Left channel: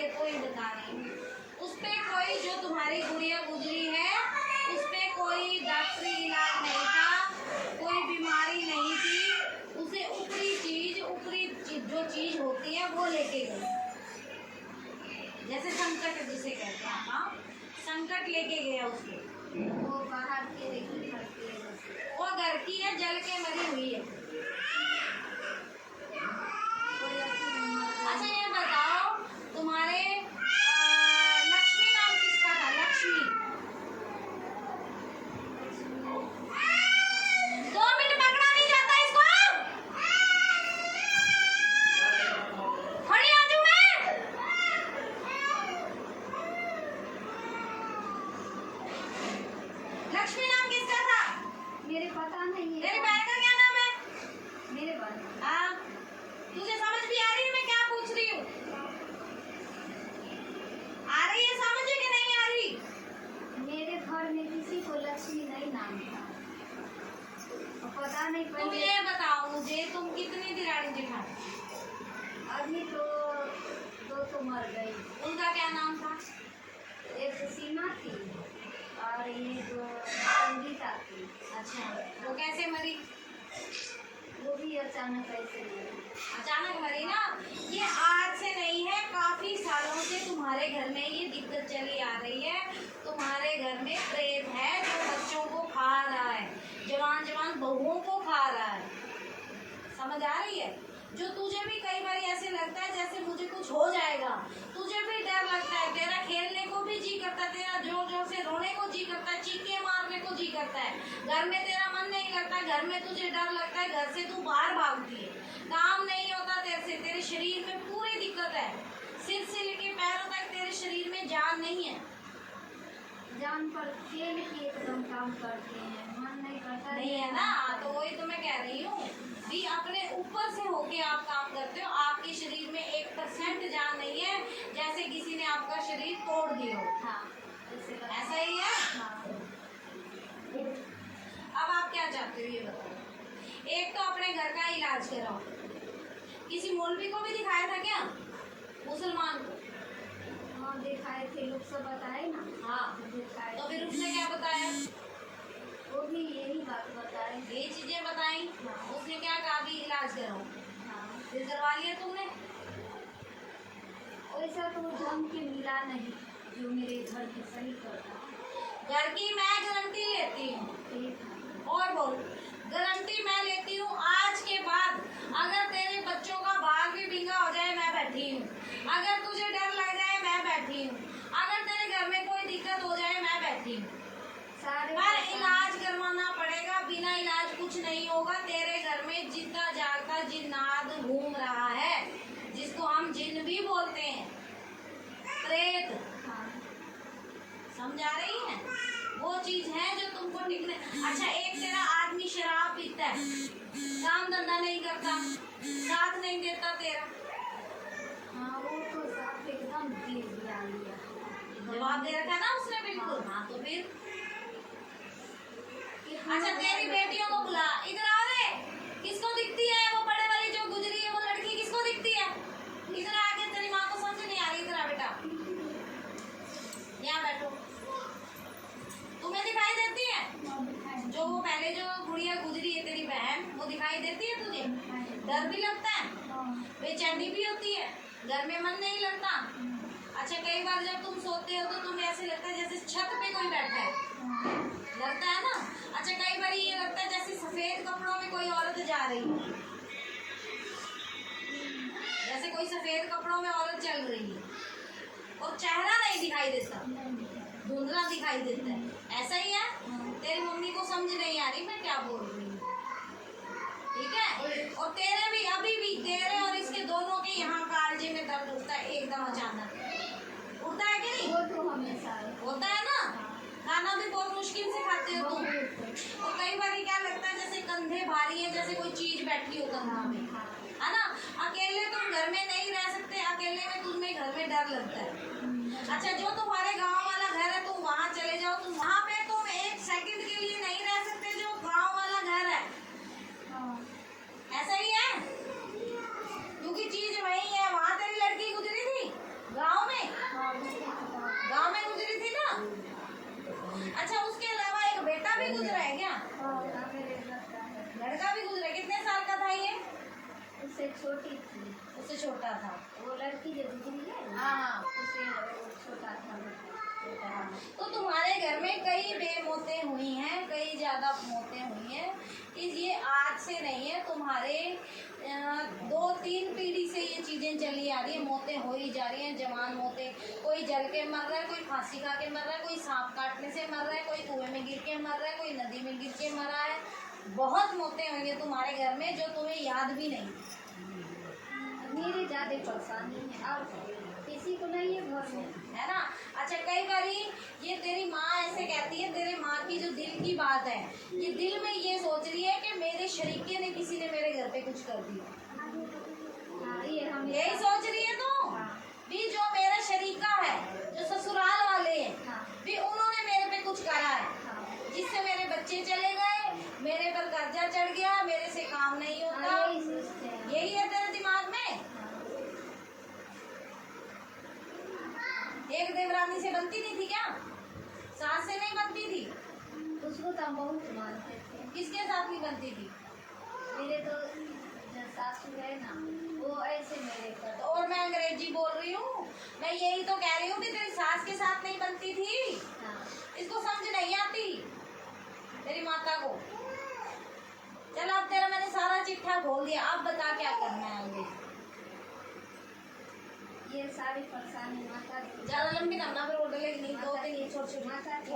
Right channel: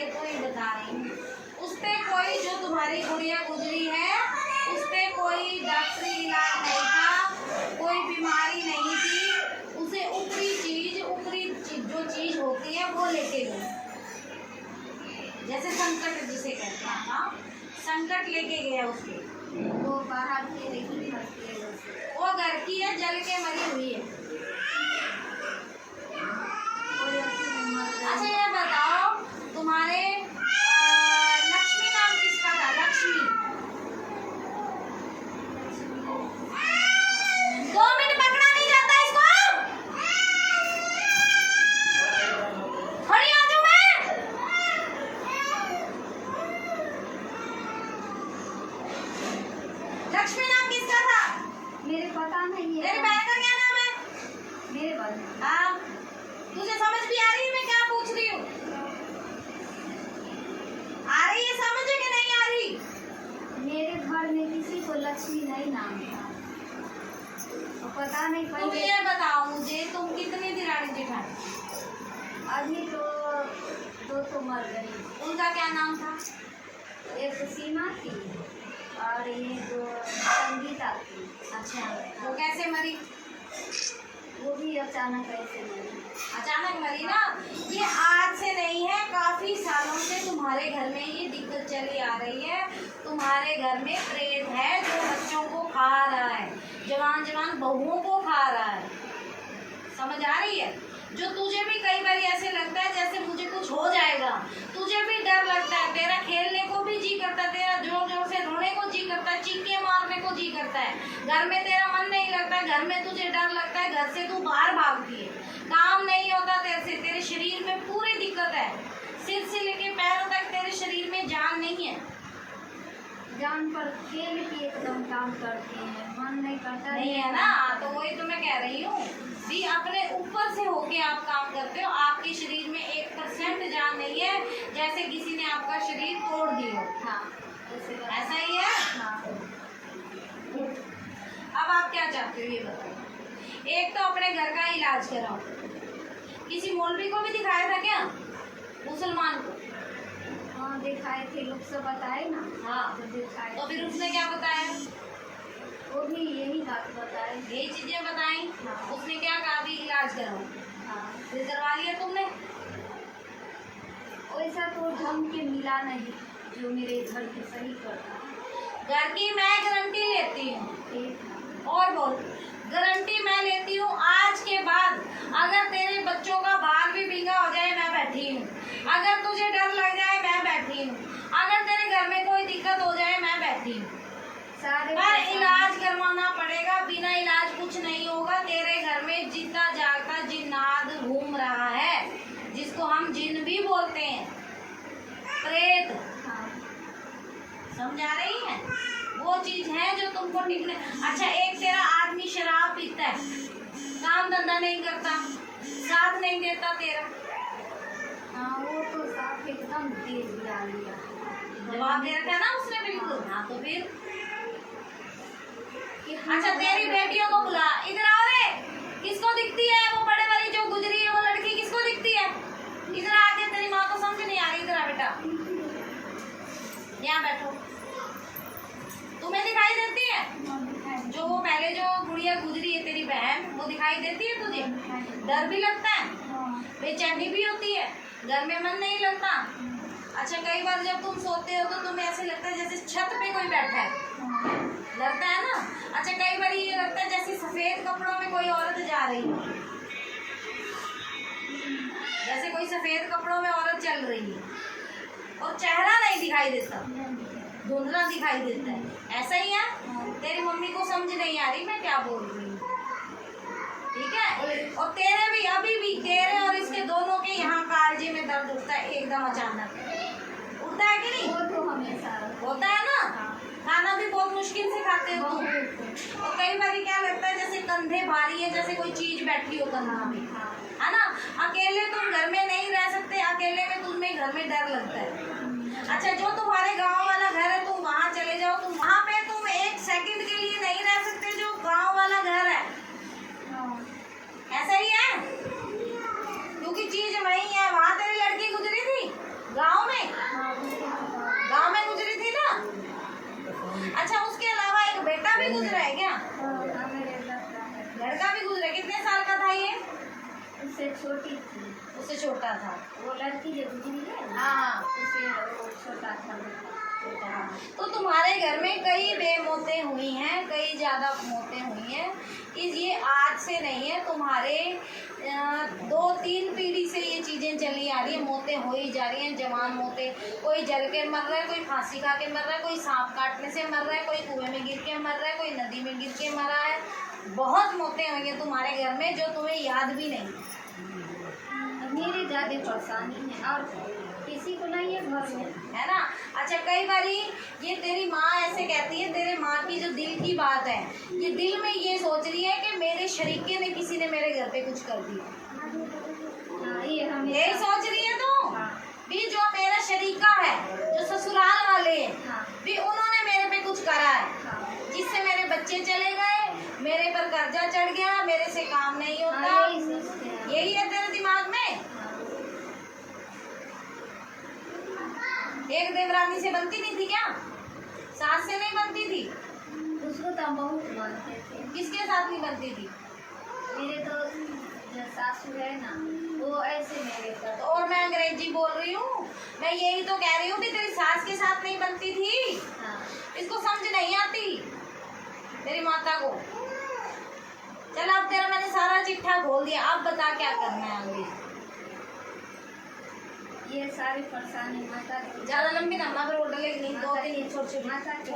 लिए तो ही बता रही हूँ। उस पे कोई जो तुम्हारी गुड़िया गुजरी है उस पे कोई डॉक्टरी इलाज नहीं था, कोई बीमारी नहीं थी। उसे ऊपरी चीज जो चीज होती है वो लेके गई, जैसे संकट जिसे कहते हैं ना, संकट लेके गया उसके। वो बाहर के लेकिन वो घर की है, जल के मरी हुई है। अच्छा ये बताओ, तुम्हारे लक्ष्मी नाम किसका था? लक्ष्मी। 2 मिनट पकड़ा नहीं जाता इसको। खड़ी आ जाऊं मैं? लक्ष्मी नाम किसका था? मेरे पता नहीं है। तेरी बहन का क्या नाम है? मेरे बहन। हाँ, तुझे समझ भी आ रही है मैं क्या पूछ रही हूँ? आ रही है समझ कि नहीं आ रही? मेरे घर में किसी को लक्ष्मी नहीं नाम था, पता नहीं। तुम पहले ये बताओ मुझे, तुम कितनी दिरानी जेठानी? अभी तो मर गई। उनका क्या नाम था? एक सीमा थी और ये जो संगीता थी। अच्छा, वो कैसे मरी? वो भी अचानक ऐसे मरी। अचानक मरी ना। ये आज से नहीं है, काफी सालों से तुम्हारे घर में ये दिक्कत चली आ रही है। तुम्हारे घर में प्रेत है जो बच्चों को खा रहा है, जवान जवान बहुओं को खा रहा है। समझ आ रही है? जो तुझे भी कई बार ऐसे लगता है जैसे मुझे कुछ हो जाएगा, तुझे भी डर लगता है, तेरा खेलने को भी जी करता है, तेरा जोर जोर से रोने को जी करता है, चीखे मारने को जी करता है, घर में तेरा मन नहीं लगता है, घर में तुझे डर लगता है, घर से तू बाहर भागती है, काम नहीं होता तेरे से, तेरे शरीर में पूरी दिक्कत है, सिर से लेके पैरों तक तेरे शरीर में जान नहीं है। जान पर खेल के एकदम काम करते हैं, मन नहीं करता। नहीं है ना, तो वही तो मैं कह रही हूँ भी, अपने ऊपर से होके आप काम करते हो। आपके शरीर में 1% जान नहीं है, जैसे किसी ने आपका शरीर तोड़ दिया। हाँ, ऐसा ही है। हाँ। अब आप क्या चाहते हो ये बताओ। एक तो अपने घर का इलाज कराओ। किसी मौलवी को भी दिखाया था क्या? मुसलमान को? हाँ दिखाए थे, लोग सब बताए ना। हाँ, तो दिखाए। तो फिर उसने क्या बताया? वो भी यही बात बताए। यही चीजें बताई। हाँ। उसने क्या कहा भी इलाज कराओ? हाँ, फिर करवा लिया तुमने? वैसा तो ढंग के मिला नहीं जो मेरे घर के सही करता। घर की मैं गारंटी लेती हूँ। ठीक। और बोल, गारंटी मैं लेती हूँ। आज के बाद अगर तेरे बच्चों का बाल भी बिंगा हो जाए मैं बैठी हूँ, अगर तुझे डर लग जाए मैं बैठी हूँ, अगर तेरे घर में कोई दिक्कत हो जाए मैं बैठी हूँ। सारे पर इलाज करवाना पड़ेगा, बिना इलाज कुछ नहीं होगा। तेरे घर में जिंदा जागता जिन्नात घूम रहा है, जिसको हम जिन भी बोलते हैं, प्रेत। हाँ। समझा रही है? वो चीज है जो तुमको निकले। अच्छा, एक तेरा आदमी शराब पीता है, काम धंधा नहीं करता, साथ नहीं देता तेरा। हाँ, वो तो साफ एकदम तेज ला लिया। जवाब दे रखा है ना उसने बिल्कुल। हाँ तो फिर अच्छा, तेरी बेटियों को बुला, इधर आओ रे। किसको दिखती है वो बड़े वाली जो गुजरी है वो लड़की? किसको दिखती है? इधर आके, तेरी माँ को समझ नहीं आ रही, इधर आ बेटा, यहाँ बैठो। तुम्हें दिखाई देती है जो वो पहले जो गुड़िया गुजरी है तेरी बहन, वो दिखाई देती है तुझे? डर भी लगता है, बेचैनी भी होती है, घर में मन नहीं लगता। अच्छा, कई बार जब तुम सोते हो तो तुम्हें ऐसे लगता है जैसे छत पे कोई बैठा है, लगता है ना? अच्छा, कई बार ये लगता है जैसे सफेद कपड़ों में कोई औरत जा रही है, जैसे कोई सफेद कपड़ों में औरत चल रही है और चेहरा नहीं दिखाई देता, धुंधला दिखाई देता है। ऐसा ही है? तेरी मम्मी को समझ नहीं आ रही मैं क्या बोल रही हूँ, ठीक है? और तेरे भी, अभी भी तेरे और इसके दोनों के यहाँ कालजे में दर्द उठता है एकदम अचानक, उठता है कि नहीं? वो तो हमेशा होता है ना। खाना भी बहुत मुश्किल से खाते हो तुम, और कई बार क्या लगता है जैसे कंधे भारी है, जैसे कोई चीज बैठी हो कंधा में, है ना? अकेले तुम घर में नहीं रह सकते, अकेले में तुम्हें घर में डर लगता है। अच्छा, जो तुम्हारे गांव वाला घर है तुम वहाँ चले जाओ, तुम वहाँ पे तुम 1 सेकंड के लिए नहीं रह सकते जो गांव वाला घर है। ऐसा ही है, क्योंकि चीज वही है। वहाँ तेरी लड़की गुजरी थी गांव में, छोटी थी। उससे छोटा था। वो लड़की जो गुजरी है ना, हाँ। उससे वो छोटा था। तो तुम्हारे घर में कई बेमौतें हुई हैं, कई ज़्यादा मौतें हुई हैं। कि ये आज से नहीं है, तुम्हारे 2-3 पीढ़ी से ये चीज़ें चली आ रही है। मौतें हो ही जा रही हैं, जवान मौतें। कोई जल के मर रहा है, कोई फांसी खा के मर रहा है, कोई सांप काटने से मर रहा है, कोई कुएं में गिर के मर रहा है, कोई नदी में गिर के मरा है। बहुत मौतें हुई हैं तुम्हारे घर में जो तुम्हें याद भी नहीं। मेरे ज़्यादा परेशानी है और किसी को नहीं है घर में, है ना। अच्छा, कई बारी ये तेरी माँ ऐसे कहती है, तेरे माँ की जो दिल की बात है, ये दिल में ये सोच रही है कि मेरे शरीके ने, किसी ने मेरे घर पे कुछ कर दिया। हाँ, ये हमें यही सोच रही है तू भी, जो मेरा शरीका है, जो ससुराल वाले हैं, हाँ, भी उन्होंने मेरे पे कुछ करा है, हाँ, जिससे मेरे बच्चे चले गए, मेरे पर कर्जा चढ़ गया, मेरे से काम नहीं होता। हाँ, यही सोचते हैं। यही है तेरे दिमाग में। एक देवरानी से बनती नहीं थी क्या? सास से नहीं बनती थी? उसको तो हम बहुत मानते थे। किसके साथ नहीं बनती थी? मेरे तो जो सासू है ना, वो ऐसे मेरे पर। तो और मैं अंग्रेजी बोल रही हूँ, मैं यही तो कह रही हूँ भी तेरी सास के साथ नहीं बनती थी। हाँ, इसको समझ नहीं आती तेरी माता को। चल, अब तेरा मैंने सारा चिट्ठा खोल दिया, अब बता क्या करना है आगे। ये सारी परेशानी माता ज्यादा लंबी ना, फिर वो डलेगी नहीं। 2-3 छोटे छोटे माता की